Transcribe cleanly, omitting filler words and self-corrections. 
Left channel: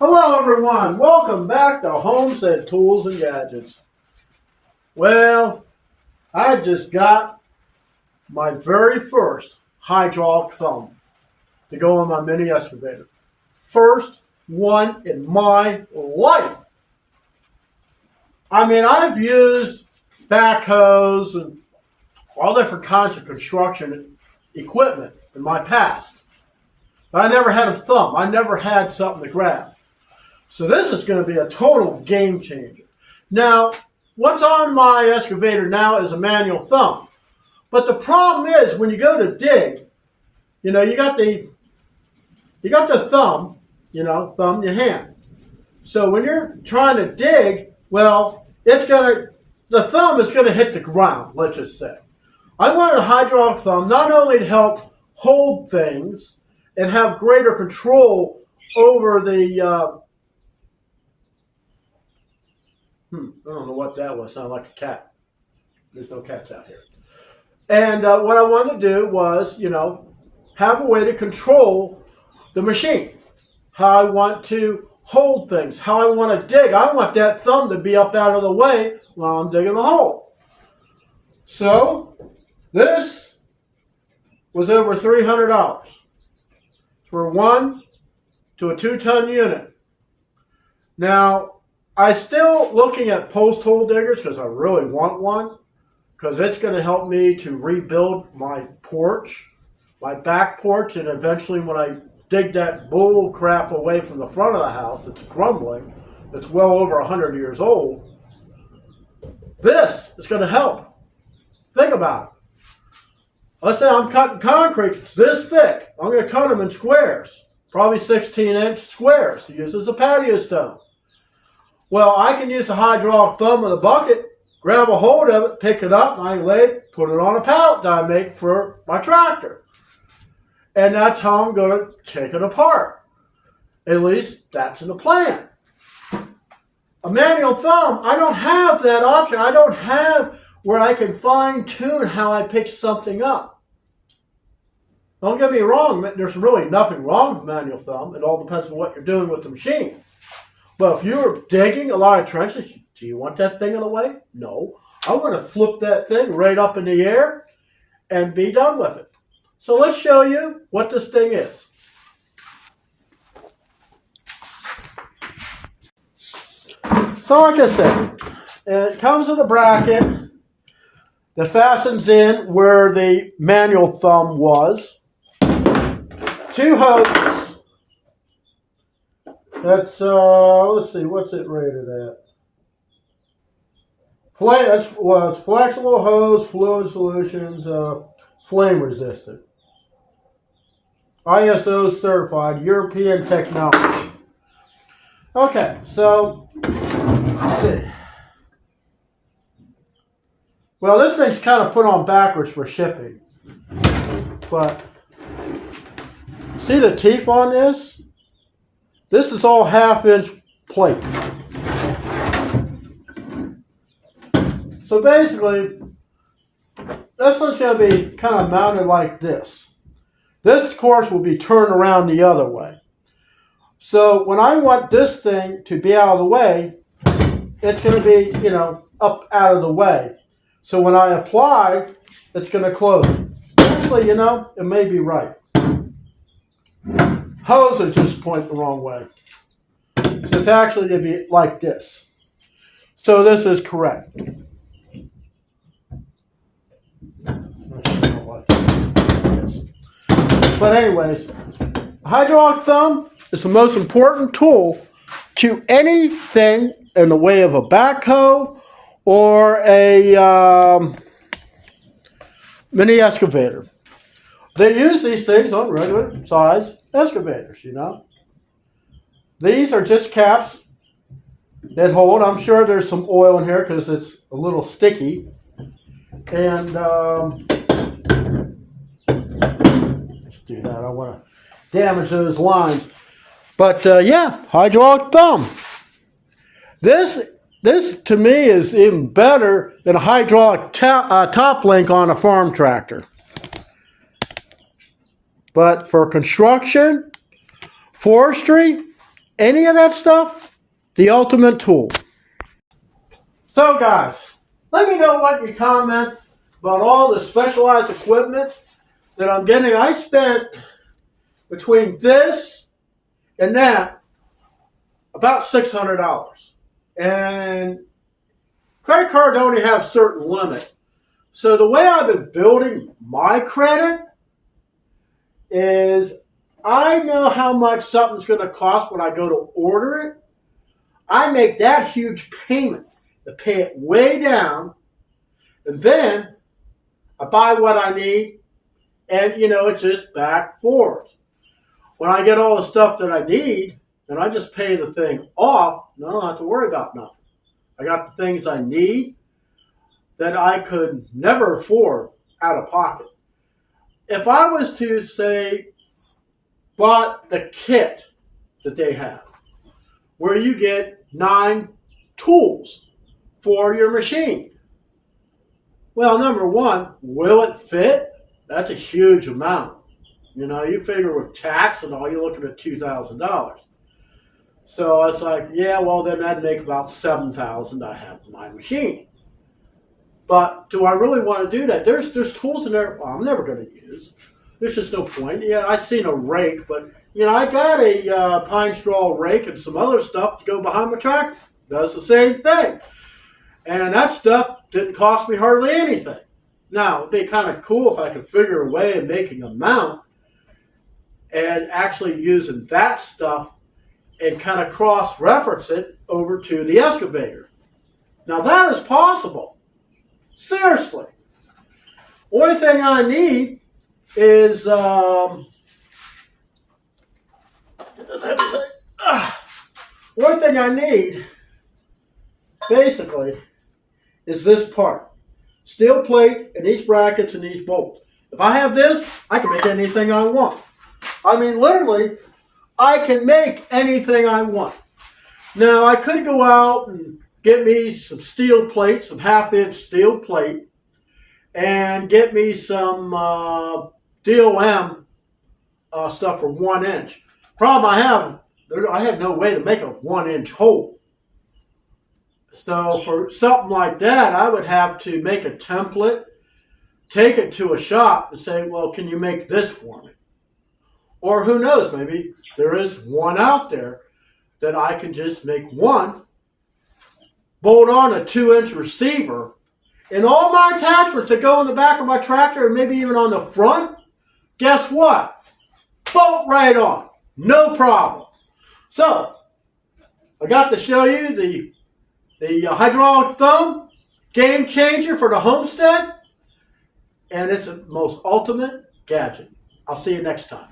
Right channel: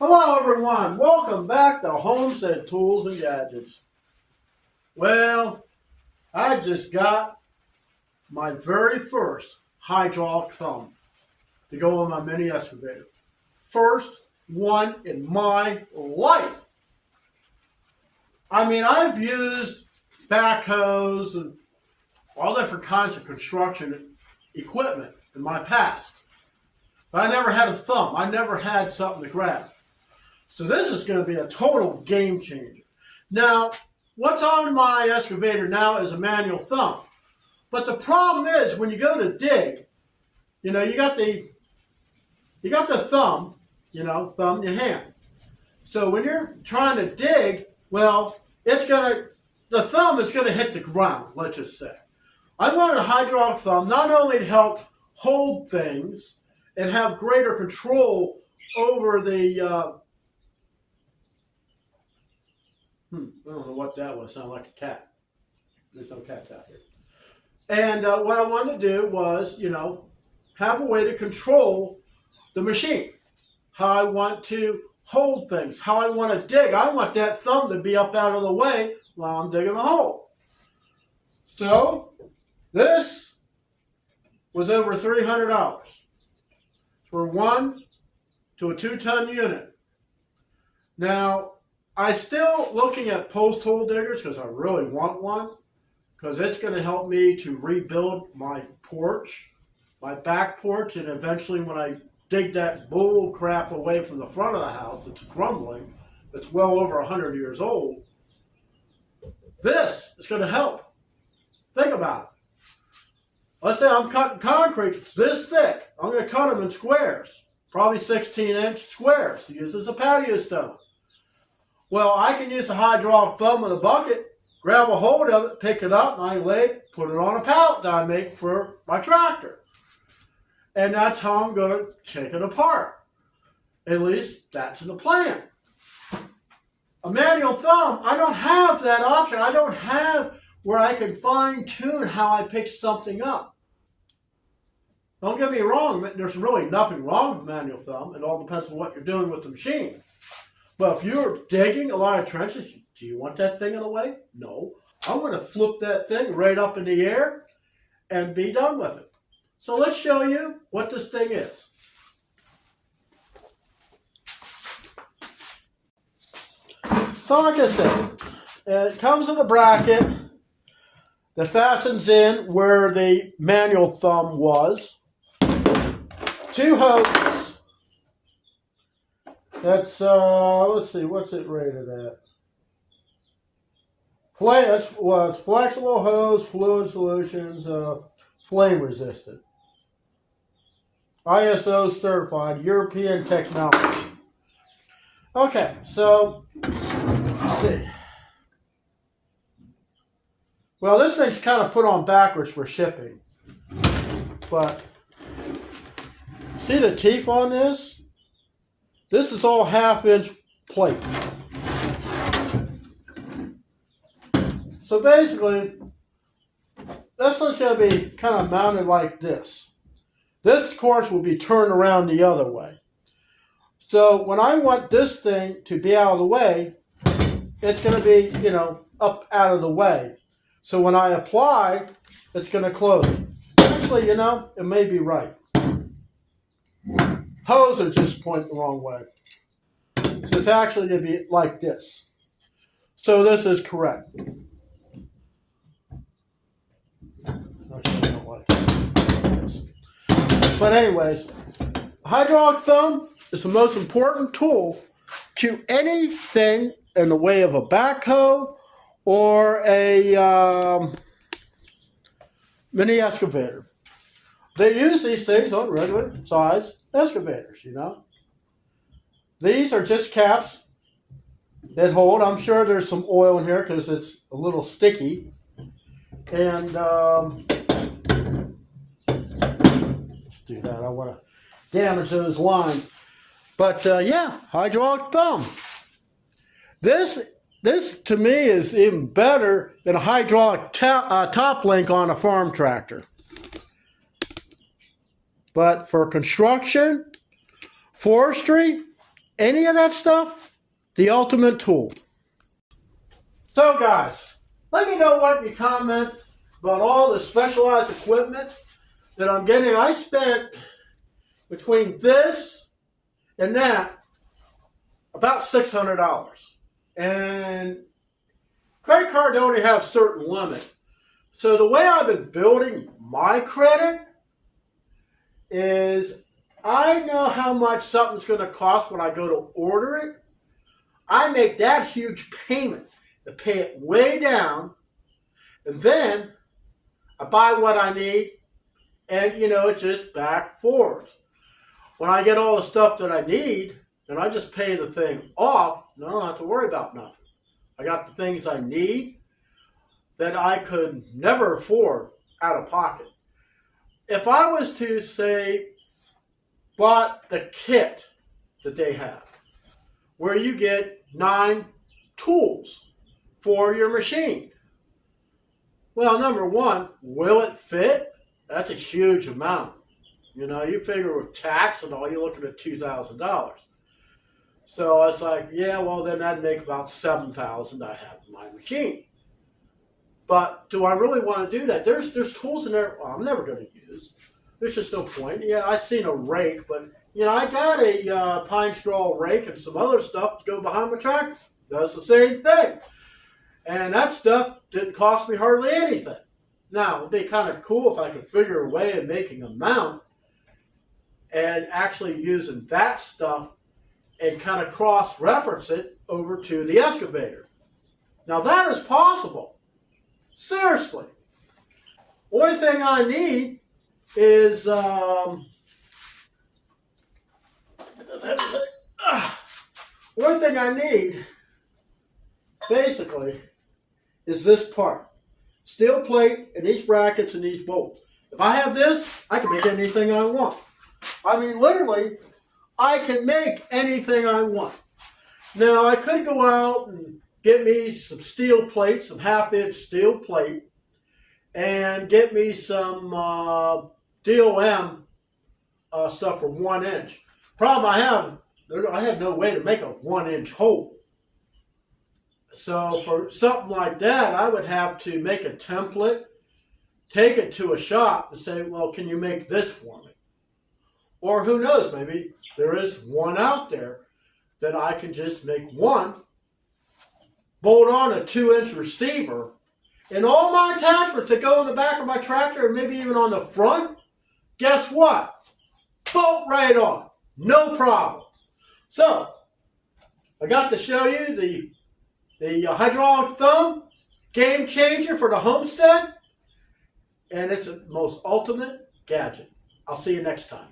Hello everyone, welcome back to Homestead Tools and Gadgets. Well, I just got my very first hydraulic thumb to go on my mini excavator. First one in my life. I mean, I've used backhoes and all different kinds of construction equipment in my past, but I never had a thumb. I never had something to grab. So this is going to be a total game changer. Now, what's on my excavator now is a manual thumb. But the problem is when you go to dig, you got the thumb, thumb in your hand. So when you're trying to dig, well, the thumb is going to hit the ground, let's just say. I wanted a hydraulic thumb not only to help hold things and have greater control over the I don't know what that was. Sounded like a cat. There's no cats out here. And what I wanted to do was, have a way to control the machine. How I want to hold things. How I want to dig. I want that thumb to be up out of the way while I'm digging the hole. So, this was over $300 for 1 to a 2-ton unit. Now, I'm still looking at post hole diggers because I really want one, because it's going to help me to rebuild my porch, my back porch, and eventually when I dig that bull crap away from the front of the house, it's crumbling, it's well over 100 years old, this is going to help. Think about it. Let's say I'm cutting concrete, it's this thick. I'm going to cut them in squares, probably 16-inch squares to use as a patio stone. Well, I can use the hydraulic thumb in the bucket, grab a hold of it, pick it up, and I lay it, put it on a pallet that I make for my tractor. And that's how I'm going to take it apart. At least that's in the plan. A manual thumb, I don't have that option. I don't have where I can fine-tune how I pick something up. Don't get me wrong, there's really nothing wrong with manual thumb. It all depends on what you're doing with the machine. But if you're digging a lot of trenches, do you want that thing in the way? No. I want to flip that thing right up in the air and be done with it. So let's show you what this thing is. So like I said, it comes with a bracket that fastens in where the manual thumb was. 2 hoses. That's, let's see, what's it rated at? It's flexible hose, fluid solutions, flame resistant. ISO certified, European technology. Okay, so, let's see. Well, this thing's kind of put on backwards for shipping. But, see the teeth on this? This is all 1/2-inch plate. So basically, this one's going to be kind of mounted like this. This, of course, will be turned around the other way. So when I want this thing to be out of the way, it's going to be, up out of the way. So when I apply, it's going to close. Actually, it may be right. Hose are just pointing the wrong way. So it's actually going to be like this. So this is correct. But anyways, hydraulic thumb is the most important tool to anything in the way of a backhoe or a mini excavator. They use these things on regular size excavators, These are just caps that hold. I'm sure there's some oil in here because it's a little sticky. And let's do that. I don't want to damage those lines. But yeah, hydraulic thumb. This to me is even better than a hydraulic top link on a farm tractor. But for construction, forestry, any of that stuff, the ultimate tool. So guys, let me know what your comments about all the specialized equipment that I'm getting. I spent between this and that about $600. And credit cards only have certain limit. So the way I've been building my credit is I know how much something's going to cost when I go to order it. I make that huge payment to pay it way down, and then I buy what I need, and it's just back forth. When I get all the stuff that I need, then I just pay the thing off, and I don't have to worry about nothing. I got the things I need that I could never afford out of pocket. If I was to say, bought the kit that they have, where you get 9 tools for your machine. Well, number one, will it fit? That's a huge amount. You figure with tax and all, you're looking at $2,000. So it's like, yeah, well, then that'd make about $7,000 I have in my machine. But do I really want to do that? There's tools in there I'm never going to use. There's just no point. Yeah, I've seen a rake, but I got a pine straw rake and some other stuff to go behind my tractor. Does the same thing. And that stuff didn't cost me hardly anything. Now, it'd be kind of cool if I could figure a way of making a mount and actually using that stuff and kind of cross-reference it over to the excavator. Now, that is possible. Seriously. Only thing I need is one thing I need basically is this part. Steel plate and these brackets and these bolts. If I have this, I can make anything I want. I mean, literally, I can make anything I want. Now, I could go out and get me some steel plate, some half-inch steel plate, and get me some DOM stuff for 1 inch. Problem I have no way to make a 1-inch hole. So for something like that, I would have to make a template, take it to a shop and say, well, can you make this for me? Or who knows, maybe there is one out there that I can just make one, bolt on a 2-inch receiver, and all my attachments that go in the back of my tractor and maybe even on the front, guess what? Bolt right on. No problem. So, I got to show you the hydraulic thumb, game changer for the homestead, and it's the most ultimate gadget. I'll see you next time.